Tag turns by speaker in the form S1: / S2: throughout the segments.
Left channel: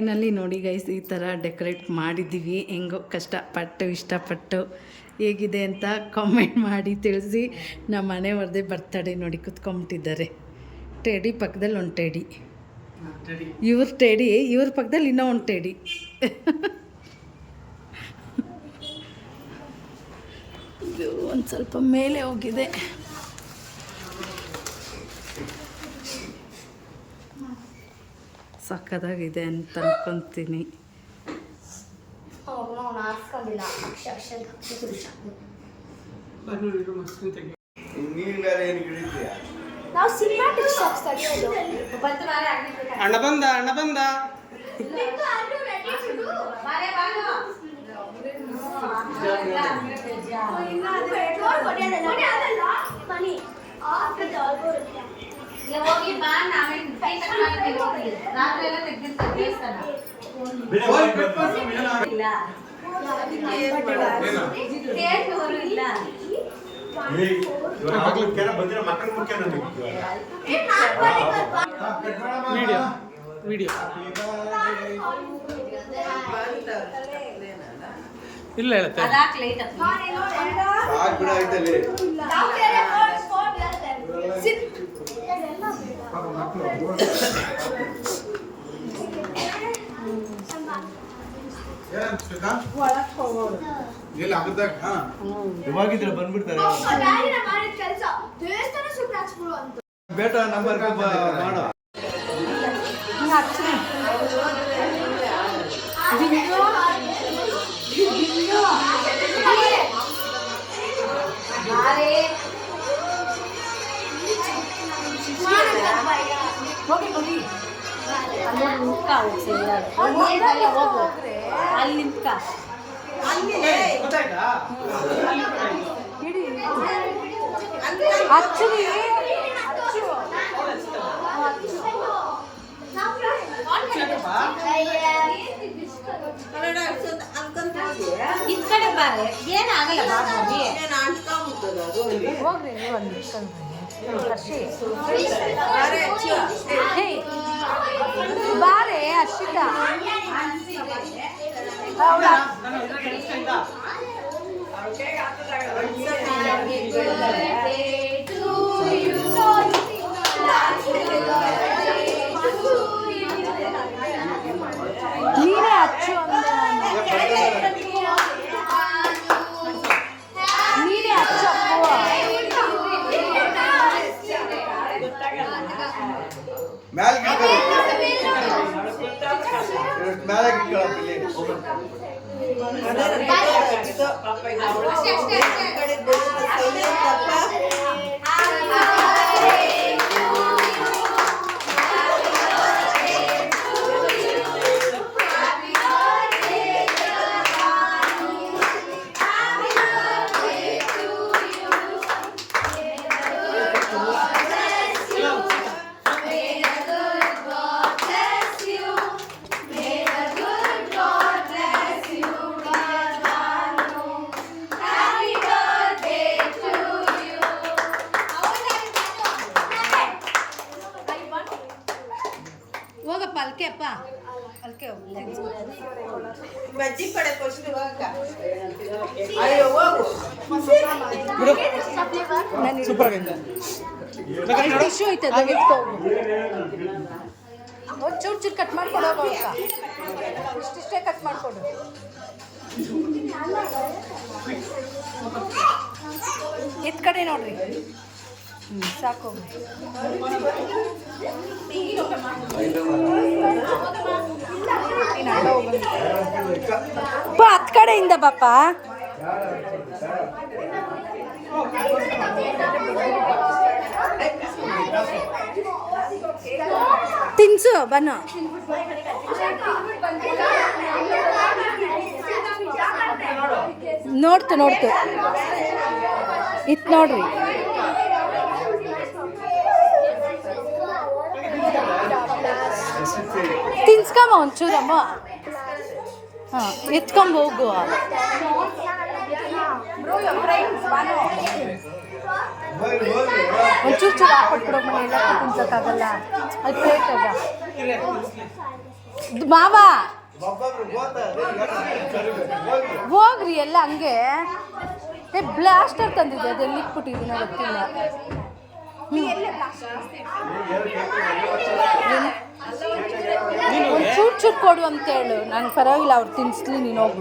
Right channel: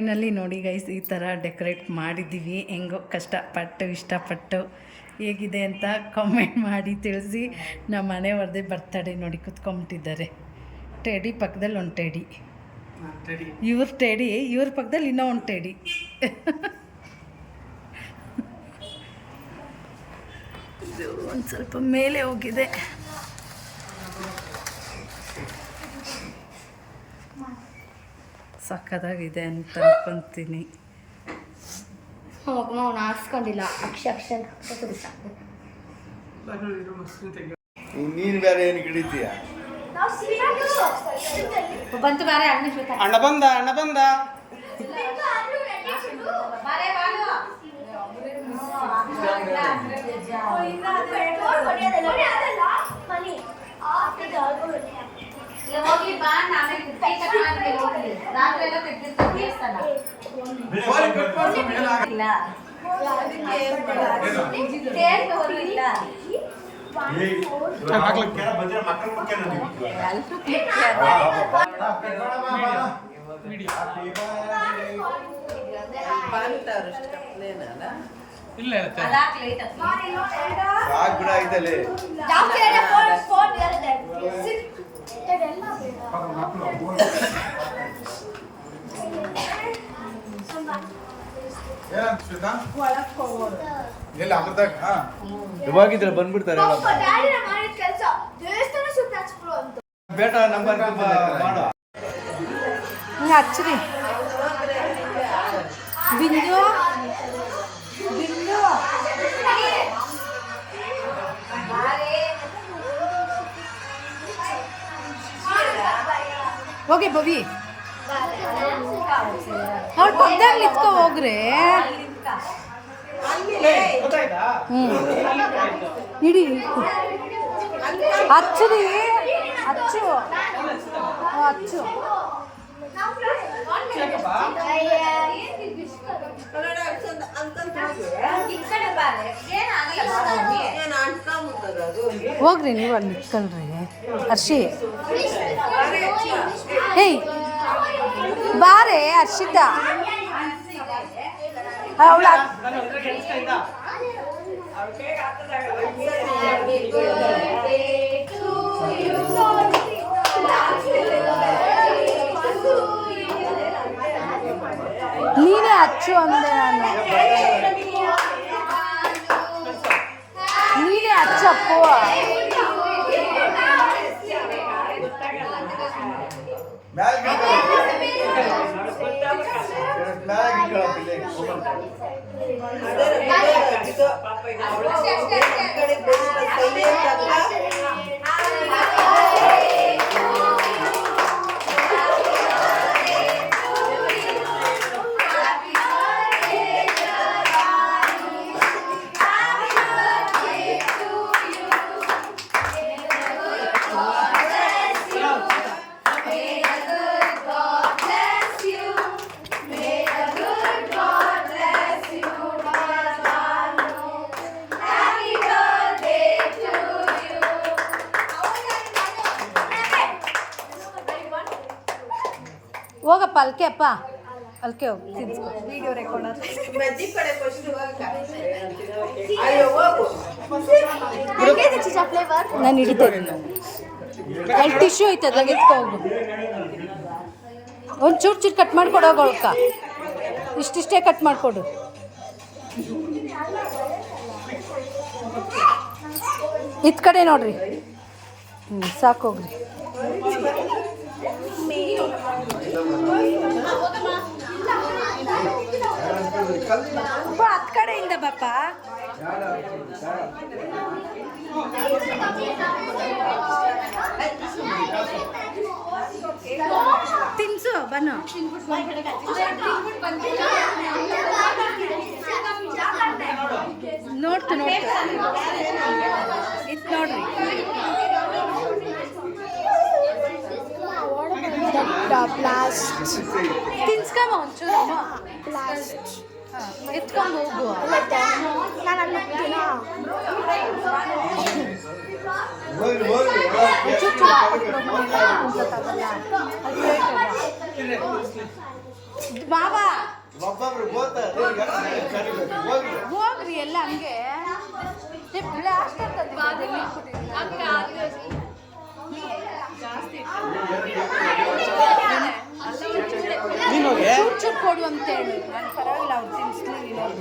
S1: Finally ನೋಡಿ guys ಈ ಥರ ಡೆಕೋರೇಟ್ ಮಾಡಿದ್ದೀವಿ. ಹೆಂಗೋ ಕಷ್ಟಪಟ್ಟು, ಇಷ್ಟಪಟ್ಟು ಹೇಗಿದೆ ಅಂತ ಕಾಮೆಂಟ್ ಮಾಡಿ ತಿಳಿಸಿ. ನಮ್ಮ ಮನೆ ಬರ್ತಡೆ ನೋಡಿ ಕುತ್ಕೊಂಬಿಟ್ಟಿದ್ದಾರೆ. ಟೇಡಿ ಪಕ್ಕದಲ್ಲಿ ಒಂದು ಟೇಡಿ ಇವ್ರ ಟೇಡಿ ಇವ್ರ ಪಕ್ಕದಲ್ಲಿ ಇನ್ನೂ ಒಂದು ಟೇಡಿ ಇದು ಒಂದು ಸ್ವಲ್ಪ ಮೇಲೆ ಹೋಗಿದೆ. ಸಕ್ಕದಾಗಿದೆ ಅಂತ ಅನ್ಕೊತೀನಿ.
S2: ಹಾಸ್ಕೊಂಡಿಲ್ಲ.
S3: ನೀನು ಬೇರೆ ಏನು ಹಿಡಿತೀಯ
S4: ಅಣ್ಣ ಬಂದ ಅಣ್ಣ ಬಂದ.
S2: ಹೋಗಿ ಬಾ ನಾವೇ ಕೈ ತೆಗ್ದಿರ್ತೀವಿ ದೇವಸ್ಥಾನ ಇಲ್ಲ.
S4: ಹೇಳುತ್ತೆ.
S3: ಸಾಕು ಬಿಡ ಹಬ್ಬದಾಗ ಇವಾಗಿದ್ರೆ ಬಂದ್ಬಿಡ್ತಾರೆ? ಬೇಟ ನಂಬರ್ ಮಾಡು.
S1: ಆ್ಯಕ್ಚುಲಿ ಹೋಗಿ ಬರೀ ಹೋಗ್ರೆ. ಇಡಿ ಹಚ್ಚುರಿ. ಹಚ್ಚು. ಹಚ್ಚು. ಹೋಗ್ರಿ ನೀವು ಅಲ್ಲಿ ನಿಂತ್ಕೊಂಡ್ರಿ. ಹರ್ಷಿ. ಏಯ್ ಬಾರೆ ಹರ್ಷಿತ.
S4: ನಾನು
S1: ಹಚ್ಚು ಅಂದ್ರೆ ನೀನೇ.
S3: ಮ್ಯಾಲೆ
S1: ಅಲ್ಕೆ ಅಪ್ಪ. ಅಲ್ಕೆ. ನಾನು ಹಿಡಿದೆ ಟಿಶ್ಯೂ ಐತೆ ಅದಂಗೆ ಎತ್ಕೊ ಹೋಗು. ಒಂದು ಚೂರು ಚೂರು ಕಟ್ ಮಾಡ್ಕೊಡೋ ಅವಳ್ಕ ಇಷ್ಟಿಷ್ಟೇ ಕಟ್ ಮಾಡಿಕೊಡು. ಇತ್ ಕಡೆ ನೋಡ್ರಿ. ಹ್ಞೂ ಸಾಕೋಗ್ರಿ ಅಪ್ಪ ಹತ್ ಕಡೆಯಿಂದ ಬಾಪ ತಿನ್ಸು ಬನ್ನು. ನೋಡ್ತು ನೋಡ್ತು. ಇತ್ ನೋಡ್ರಿ. ತಿನ್ಸ್ಕಮ್ಮ ಒಂಚೂರಮ್ಮ ಹಾಂ ಎತ್ಕೊಂಡು ಹೋಗು ಒಂಚೂರು ಮಾವ ಹೋಗ್ರಿ ಎಲ್ಲ ಹಂಗೆ. ಬ್ಲಾಸ್ಟರ್ ತಂದಿದ್ದೆ ಅದೆಲ್ಲಿ ಇಟ್ಬಿಟ್ಟಿದ್ದೀನಿ ಚೂಟ್ ಚೂರು ಕೊಡು ಅಂತ ಹೇಳು. ನಾನು ಪರವಾಗಿಲ್ಲ ಅವ್ರು ತಿನ್ಸ್ಲಿ ನೀನು ಹೋಗು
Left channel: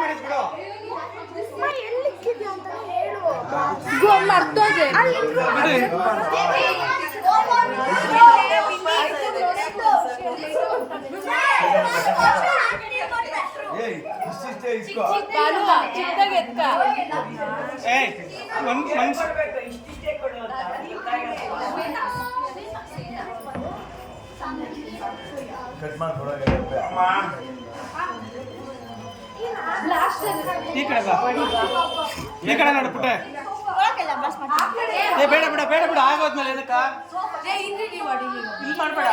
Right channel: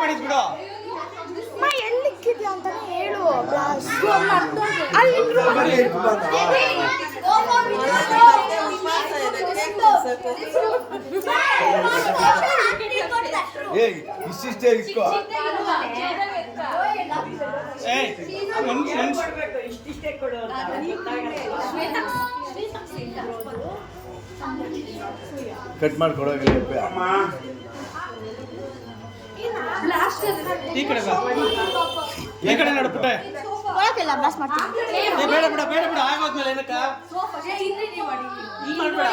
S4: ಮಾಡಿದ್ ಬಿಡು.
S1: ಇವಾಗ ಮರ್ತೋದೆ.
S3: ಏಯ್ ಇಷ್ಟಿಷ್ಟೇ ಇಸ್ಕೋ ಕಟ್ ಮಾಡ್ಕೊಡೋಕೆ
S4: ಈ ಕಡೆ ಬಾ. ಈ ಕಡೆ ನೋಡು ಪುಟ್ಟೆ. ಏ ಬೇಡ ಬೇಡ ಬೇಡ ಬೇಡ ಆಗೋದ್ಮೇಲೆ ಏನಕ್ಕ? ಇಲ್ಲಿ ಮಾಡ್ಬೇಡ.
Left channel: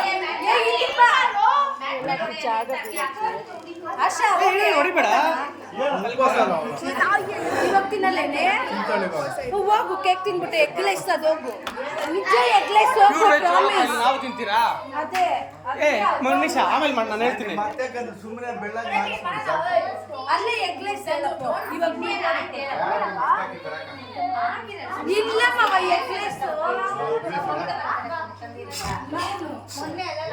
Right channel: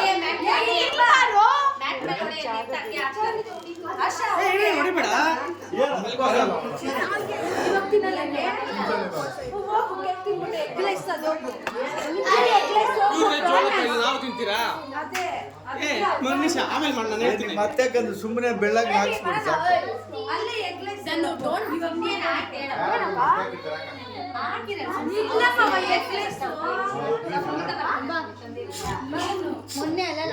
S4: ಹೊಡಿಬೇಡ.
S1: ಇವಾಗ ತಿನ್ನಲ್ಲೇನೆ? ಹೋಗು ಕೇಕ್ ತಿನ್ಬಿಟ್ಟು ಅದು.
S4: ನಾವು ತಿಂತೀರಾ?
S1: ಅದೇ
S4: ಏ ಮನೀಷ ಆಮೇಲೆ ಮಾಡಿ ನಾನು ಹೇಳ್ತೀನಿ.
S3: ಮತ್ತೆ ಸುಮ್ಮನೆ ಬೆಳ್ಳಗೆ ಹಾಕ್ಸ್ಬಿಡಿ ಸಾಕು.
S1: ಅಲ್ಲೇ ಇಲ್ಲ.
S2: ಮೊನ್ನೆ ಅಲ್ಲ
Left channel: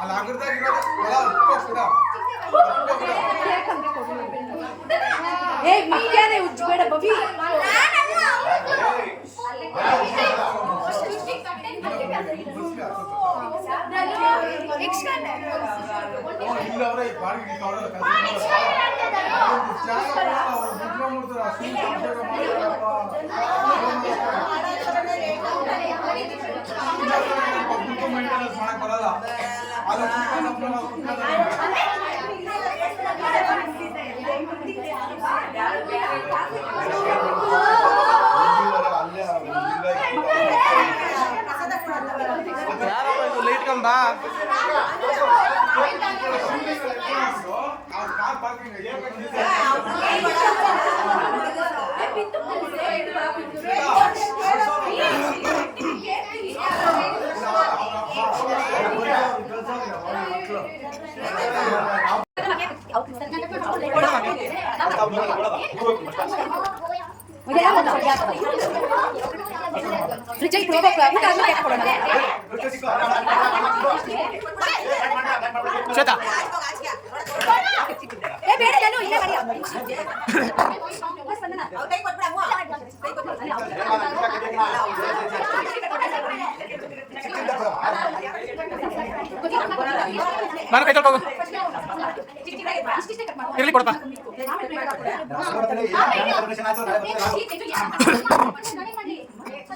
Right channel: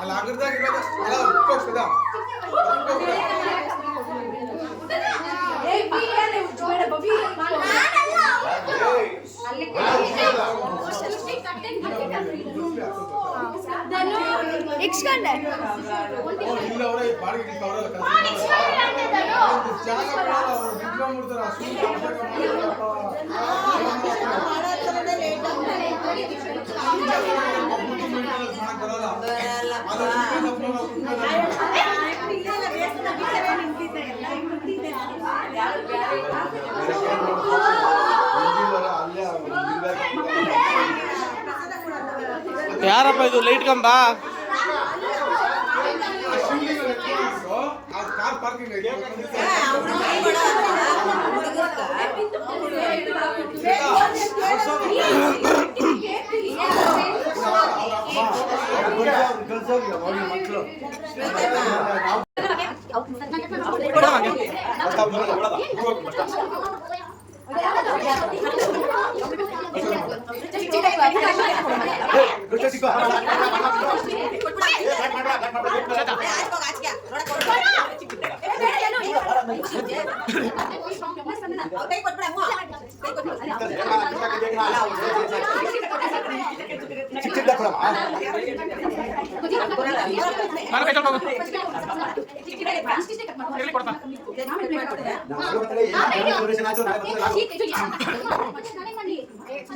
S3: ಅಲ್ಲಿ ಅಗ್ರದಾಗ ಇರೋದು
S2: ಇಕ್ಸ್ಕೊಂಡೆ
S3: ಇಲ್ಲ ಅವರೇ ಬಾಡಿಗೆ ಅವರೆಲ್ಲ ಕೆಲಸ ಜಾಗ ಕೊಡಲ್ಲ ಅವ್ರು ಬಿಟ್ಕೊಂಡ್ಬಿಡ್ತಾರೆ ಸುಮ್ಮನೆ
S4: ಯಾರಪ್ಪ ಇದು? ಲೈಟ್ ಕಂಬ?
S3: ಕಾರ್ ಪಾರ್ಕಿಂಗ್ ಐತೆ
S4: ಶ್ವೇತಾ ಮನೆ ಕೈ ತೊಳ್ಕೊ ಇರ್ಲಿ ಕೊಡಪ್ಪ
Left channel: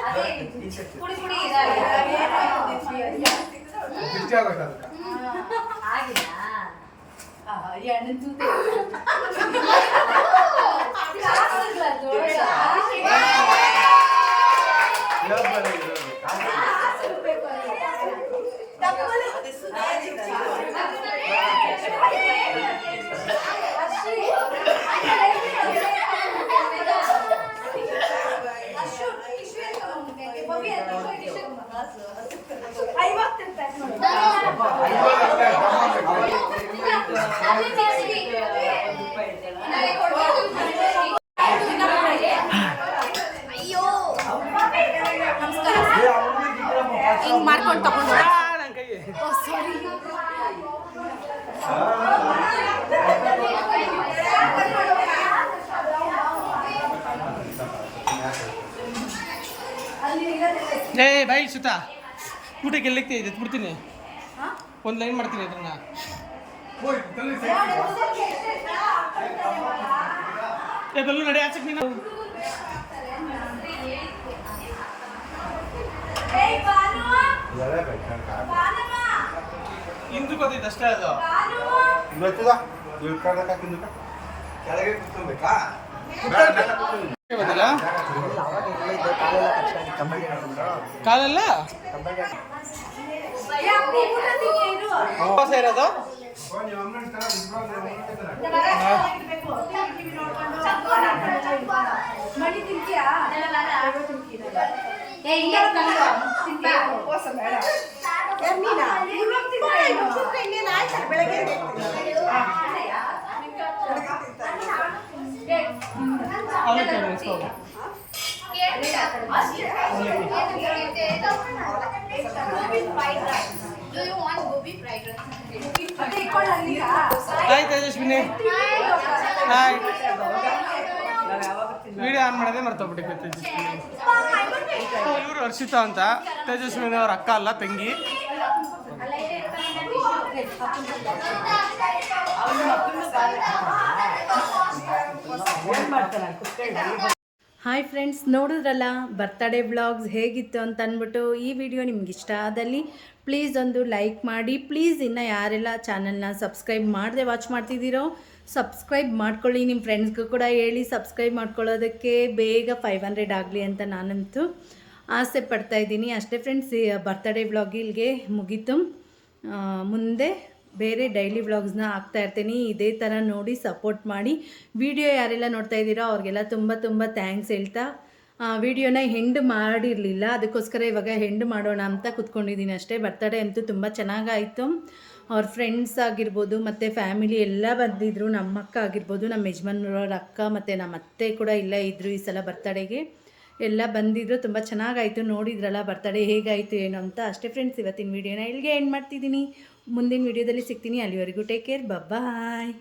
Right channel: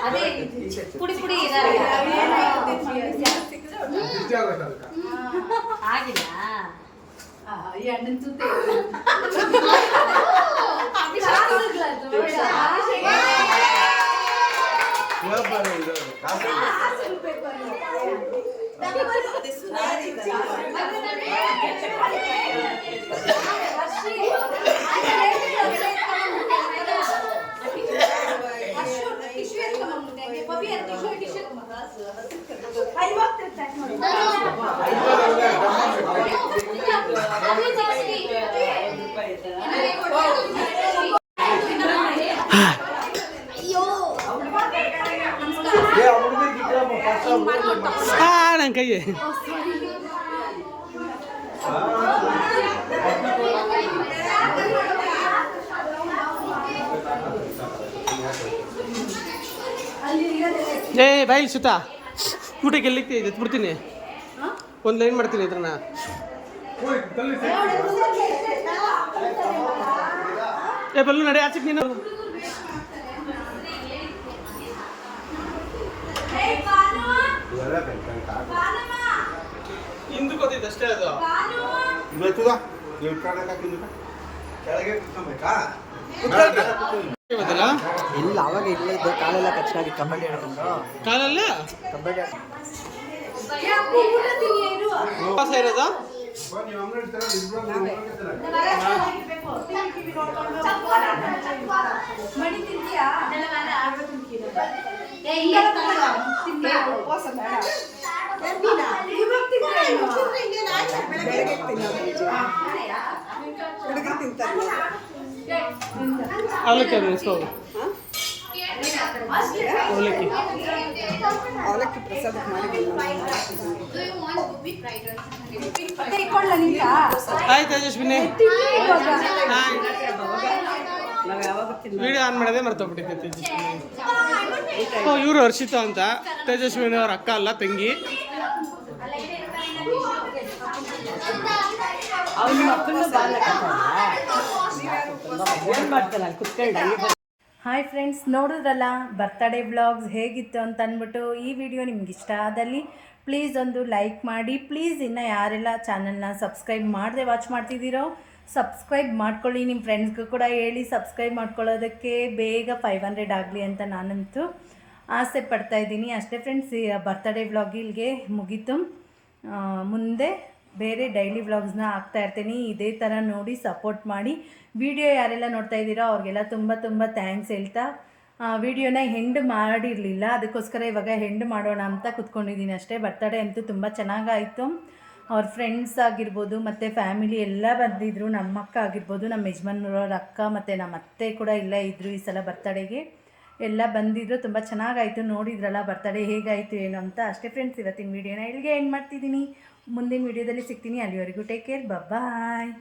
S4: ಇದಲ್ಲ ಏ ದರ್ಶನ ದರ್ಶನ ಕೊಡ ಹೇಳ್ತಾನೆ ಮೇಲೆ
S2: ಅದೇ ಪುಡಿ ಪುಡಿ ಆಗಿಲ್ಲ
S1: ಈ ಅಣ್ಣನ ಜೊತೆ
S2: ಅಯ್ಯೋ
S1: ಹಿಂಗ್ ಮಾಡ್ಕೊಂಡು
S4: ಆ ನನ್ನ ಕೈ ಏ ಸುತ್ತ ಸುತಾ ಊಟಕ್ಕೆ ಎಲ್ಲಿ ಇದೆ? ಬಿಡ್ತೀನಿ ಒಂದು ಲೈನ್ ಮಾಡ್ತೀನಿ ಇದ್ರನ್ನ. ಏ, ಬಲ್ಲು ನಡೆ, ಆಚೆಗೆ ನೀನು. ಹಿಂದಕ್ಕೆ ಗೊತ್ತಿತ್ತು ಅಷ್ಟೇ ಅದು.
S3: ಕೆಳಗೆ ಕುತ್ಕೊಬೇಕಾ?
S4: ಗೊತ್ತಿಲ್ಲ
S5: ಇಲ್ಲ ಅವಾಗ ಇಲ್ಲೇ ಇದ್ದೆ. ಕಾಲೆಲ್ಲ
S4: ಉಪವಾಸ ಇರೋದು?
S3: ಉಪವಾಸ ಅಮ್ಮನ ತರ ಇಬ್ರು
S2: ಮಡಿ ತಿಂತೀಯಾ ಏ ಇಲ್ಲ ತಿಂತೀಯಾ
S4: ಅವಲಕ್ಕಿ ಅದು ಇಸ್ಕೋದು ಅವಲಕ್ಕಿ. Hi Tejaswini. Hi video on ಮಾಡೋದೇ ಮರ್ತೋಗ್ಬಿಟ್ಟಿದ್ದೆ ತೇಜಸ್ವಿನಿ. ಓ, ಇವರು ಹರ್ಷಿತಾ ಅಂತ. ತೇಜಸ್ವಿನಿ ಅವ್ರ ಅಕ್ಕ ಅಲ್ಲ, ತಂಗಿ.
S1: ಹಾಯ್ ಫ್ರೆಂಡ್ಸ್, ನೋಡಿದ್ರಲ್ಲ? ಬರ್ತಡೇ ಬ್ಲಾಗ್ಸ್ ಹೇಗಿತ್ತು ಅಂತ ಅಂದ್ಬಿಟ್ಟು ಈ ವಿಡಿಯೋ ನಿಮ್ಗೆ ಇಷ್ಟ ಆದಲ್ಲಿ ಪ್ಲೀಸ್ ಒಂದು ಲೈಕ್ ಮಾಡಿ. ಪ್ಲೀಸ್ ಇನ್ನು ಯಾರೆಲ್ಲ ಚಾನಲ್ನ ಸಬ್ಸ್ಕ್ರೈಬ್ ಮಾಡದೆ ವಾಚ್ ಮಾಡ್ತಿದ್ದೀರೋ ಸಬ್ಸ್ಕ್ರೈಬ್ ಮಾಡ್ಕೊಳ್ಳಿ. ನಿಮ್ಮ ಫ್ರೆಂಡ್ಸ್ಗೂ ಕೂಡ ಹೇಳಿ ಸಬ್ಸ್ಕ್ರೈಬ್ ಮಾಡ್ಕೊಳ್ಳೋದಕ್ಕೆ ಬೇಗ ಫೈವ್ ಹಂಡ್ರೆಡ್ ಆಗಲಿ ಅಂತ ನಾನಂತೂ ಆಸೆ ಪಡ್ತಾ ಇದ್ದೀನಿ. ಅಷ್ಟೇ ಫ್ರೆಂಡ್ಸ್ ಬರ್ತಡೇ ಬ್ಲಾಗ್ ಇಲ್ಲಿಗೆ ಮುಗೀತು. ಮುಂದೆ ಬೇರೆ ಡೈಲಿ ವ್ಲಾಗ್ಸ್ನ ಹಾಕ್ತಾ ಇರ್ತೀನಿ. ಇದೇ ಥರ ನೋಡಿ ಸಪೋರ್ಟ್ ಮಾಡಿ. ವಿಡಿಯೋ ಯಾರೆಲ್ಲ ನೋಡ್ತಾ ಇದ್ದೀರೋ ಅವ್ರಿಗೆಲ್ಲ ತುಂಬ ತುಂಬ ಥ್ಯಾಂಕ್ಸ್ ಹೇಳ್ತಾ ವಿಡಿಯೋನ ಹೆಂಡ್ ಮಾಡಿರಲಿಲ್ಲ. ಅದಕ್ಕೋಸ್ಕರ ಇವಾಗ ಹೆಂಡ್ ಮಾಡೋಣ ಅಂತ ಕುತ್ಕೊಂಡಿದ್ದೀನಿ ಅಷ್ಟೇ. ಬರ್ತಡೇ ಅಂತೂ ತುಂಬ ಚೆನ್ನಾಗಾಯಿತು. ಅವ್ರ ಫ್ರೆಂಡ್ಸ್ ಆಗಿರ್ಬೋದು, ಮತ್ತು ಫ್ಯಾಮಿಲಿ ಎಲ್ಲ ಬಂದಿದ್ದರು ನಮ್ಮ ಅಕ್ಕ ಆಗಿರ್ಬೋದು ನಮ್ಮ ಯಜಮಾನ್ರವ್ರ ಅಕ್ಕ ಮತ್ತು ನಮ್ಮ ಅತ್ತೆ ಕೂಡ ಇಲ್ಲ ಇದ್ದರು ಈ ಸಲ ಬರ್ತಡೇಗೆ ಎಲ್ಲ ಬಂದಿದ್ರು. ತುಂಬ ಚೆನ್ನಾಗಾಯಿತು. ನೋಡಿದ್ರಲ್ಲ ಬರ್ತಡೇ ಹೇಗಾಯಿತು, ಏನು ಅಂತ. ಅಷ್ಟೇ ಫ್ರೆಂಡ್ಸ್ ಇವತ್ತಿನ ವಿಡಿಯೋನ ಇಲ್ಲಿಗೆ ಎಂಡ್ ಮಾಡ್ತಿದ್ದೀನಿ. ಮುಂದಿನ ವೀಡಿಯೋದಲ್ಲಿ ಸಿಗ್ತೀನಿ. ಅಲ್ಲಿವರೆಗೂ ಟೇಕ್ ಕೇರ್ ಬಾಯ್